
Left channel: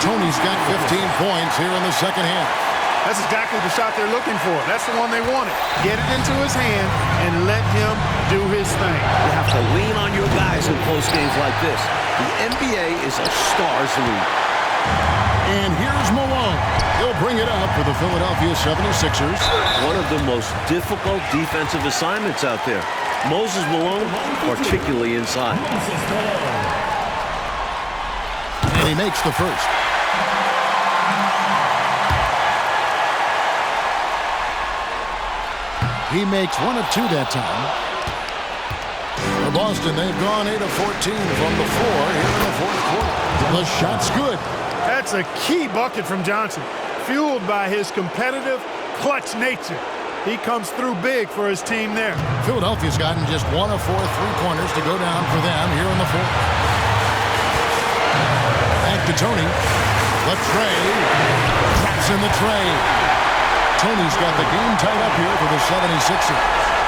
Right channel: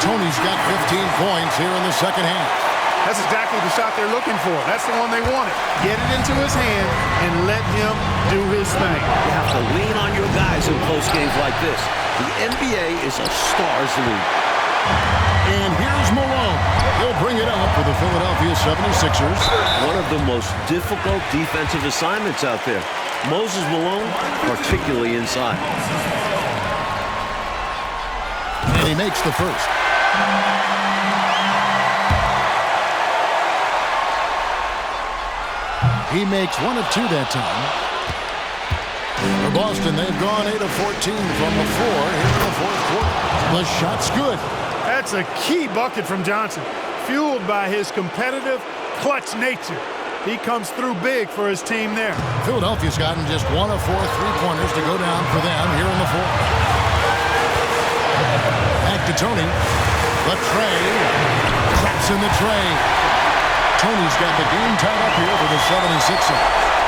Tony's got 15 points here in the second half. That's exactly the shot they're looking for. That's the one they wanted. Get it into his hand and let him do his thing. You have to lean on your guys in close games like this. The NBA is a stars league. And here's Malone. He'll bring it up for the Philadelphia 76ers. One of the most difficult defensive assignments out there. Moses Malone, particularly inside. And he makes the first. He makes 1 of 2 that time. For Boston, they've gone 8 of 14 from the floor here in the fourth quarter. The shot's good. That's a key bucket from Johnson, fueled by his competitive, clutch nature. He comes through big for his team there. Philadelphia's gotten just 1 of 4 3-pointers to go down for them here in the fourth. Back to Tony. The tray. Drops in the tray. Tony's got the game tied up here for the 76ers.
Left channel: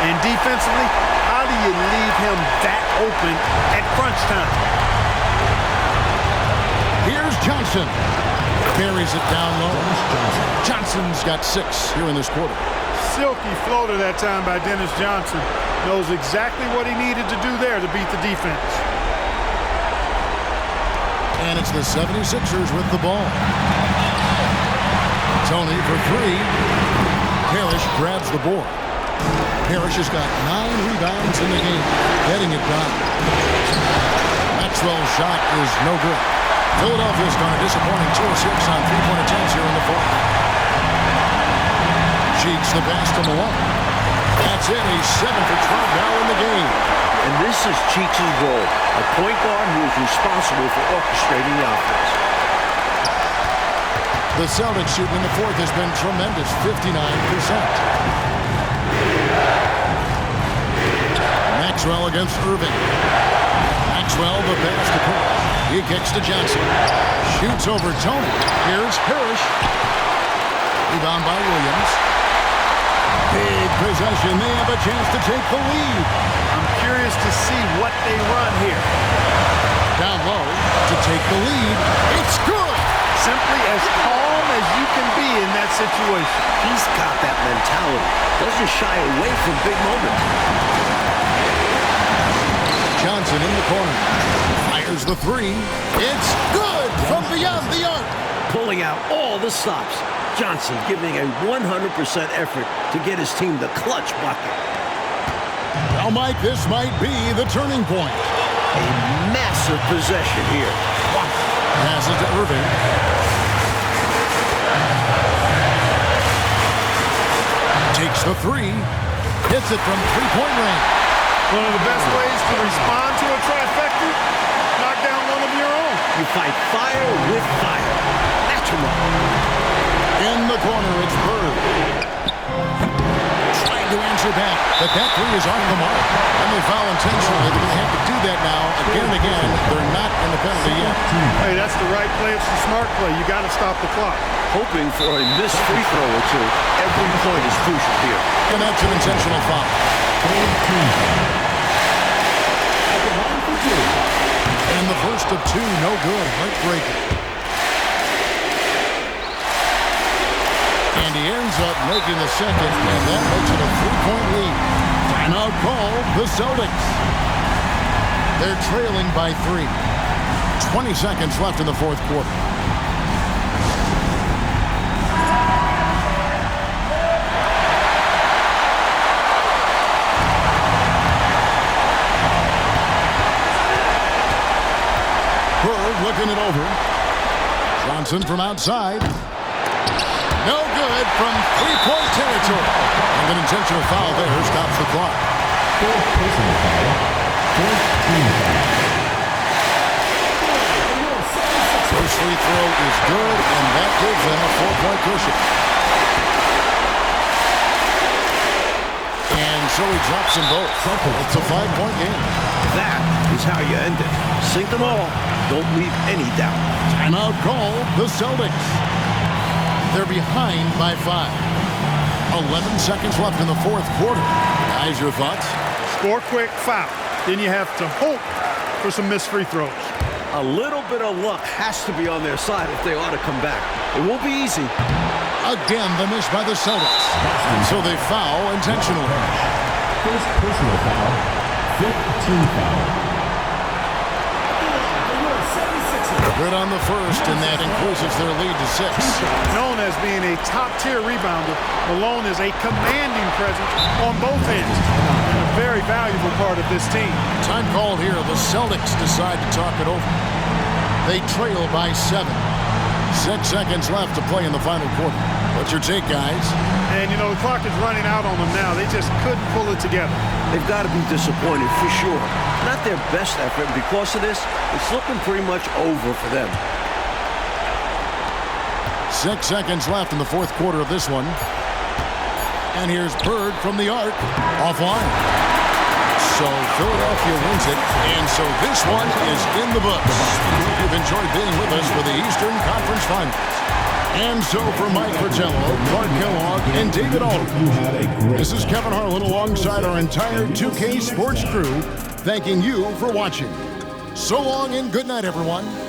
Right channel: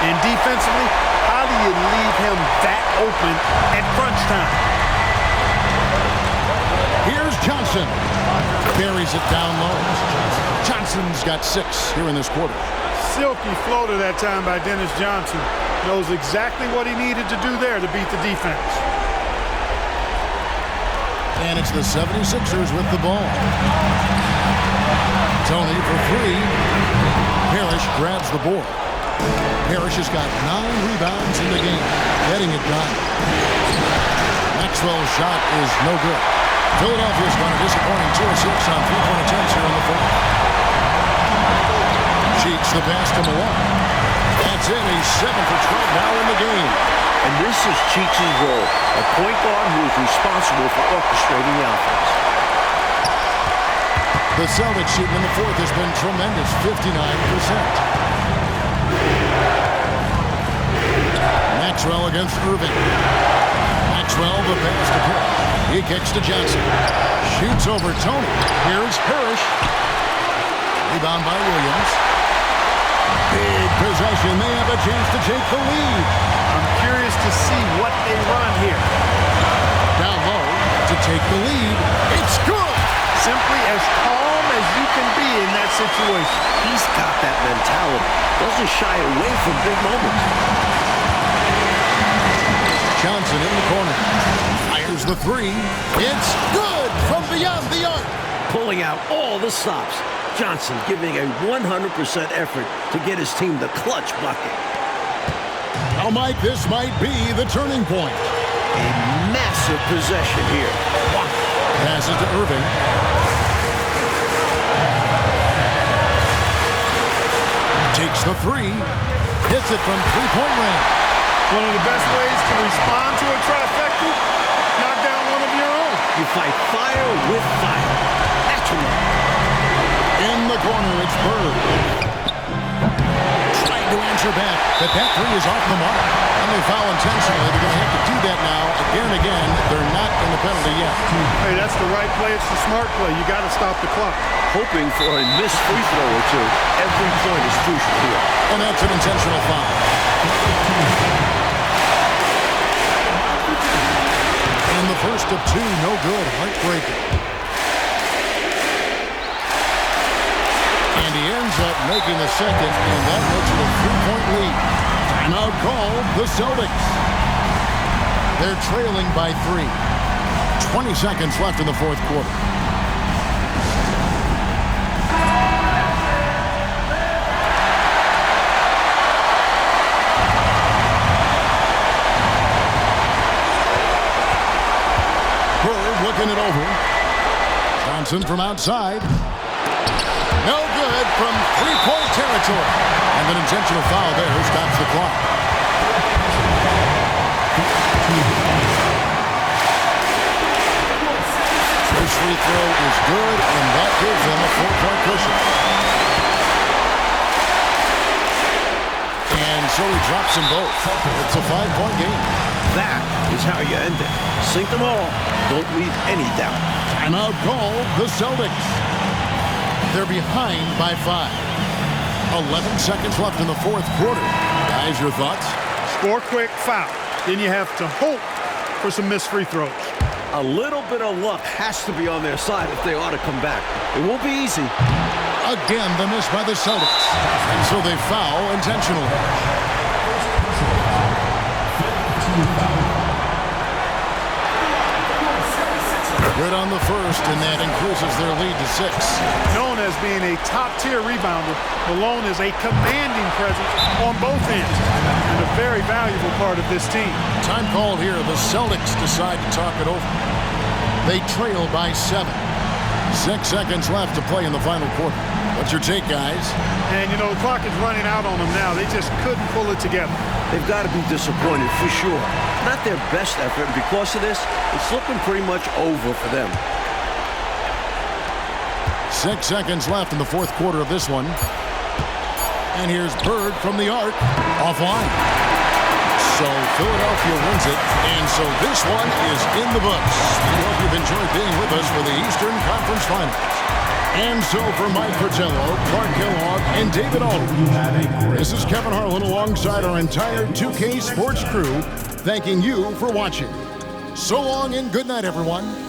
And defensively, how do you leave him that open at crunch time? Here's Johnson. Buries it down low. Johnson's got 6 here in this quarter. Silky floater that time by Dennis Johnson. Knows exactly what he needed to do there to beat the defense. And it's the 76ers with the ball. Tony for 3. Parrish grabs the board. Parrish has got 9 rebounds in the game, getting it done. Maxwell's shot is no good. Philadelphia's gone a disappointing 2 of 6 on 3-point attempts here in the fourth. Cheeks the pass to Malone. That's it. He's 7 for 12 now in the game. And this is Cheeks' role, a point guard who is responsible for orchestrating the offense. The Celtics shooting in the fourth has been tremendous, 59%. Maxwell against Irving. Maxwell the pass to Parrish. He kicks to Johnson. Shoots over Tony. Here's Parrish. Rebound by Williams. Big possession. They have a chance to take the lead. I'm curious to see what they run here. Down low to take the lead. It's good. Simply as calm as you can be in that situation. He's got that mentality. Doesn't shy away from big moments. Johnson in the corner. Fires the 3. It's good from beyond the arc. Pulling out all the stops. Johnson giving a 100% effort to get his team the clutch bucket. Well, Mike, this might be the turning point. A massive possession here. Passes to Irving. Takes the 3. Hits it from 3-point range. One of the best ways to respond to a trifecta, knock down one of your own. You fight fire with fire. Match him up. In the corner, it's Bird. Trying to answer back, but that 3 is off the mark. And they foul intentionally. They're going to have to do that now again and again. They're not in the penalty yet. Hey, that's the right play. It's the smart play. You got to stop the clock. Hoping for a missed free throw or two. Every point is crucial here. And that's an intentional foul. And the first of 2, no good. Heartbreaker. And he ends up making the second, and that makes it a 3-point lead. Timeout called the Celtics. They're trailing by 3. 20 seconds left in the fourth quarter. Bird looking it over. Johnson from outside. No good from 3-point territory. And an intentional foul there stops the clock. First free throw is good, and that gives them a 4-point cushion. And so he drops them both. It's a 5-point game. That is how you end it. Sink them all. Don't leave any doubt. Timeout called the Celtics. They're behind by 5. 11 seconds left in the fourth quarter. Guys, your thoughts? Score quick, foul. Then you have to hope for some missed free throws. A little bit of luck has to be on their side if they ought to come back. It won't be easy. Again, the miss by the Celtics. And so they foul intentionally. First personal foul. Fifth team foul. Good on the first, and that increases their lead to 6. Known as being a top-tier rebounder, Malone is a commanding presence on both ends and a very valuable part of this team. Time called here. The Celtics decide to talk it over. They trail by 7. 6 seconds left to play in the final quarter. What's your take, guys? And, you know, the clock is running out on them now. They just couldn't pull it together. They've got to be disappointed for sure. Not their best effort, and because of this, it's looking pretty much over for them. 6 seconds left in the fourth quarter of this one. And here's Bird from the arc. Offline. So Philadelphia wins it, and so this one is in the books. We hope you've enjoyed being with us for the Eastern Conference Finals. And so for Mike Fratello, Clark Kellogg, and David Aldridge, this is Kevin Harlan alongside our entire 2K Sports crew, thanking you for watching. So long and good night, everyone.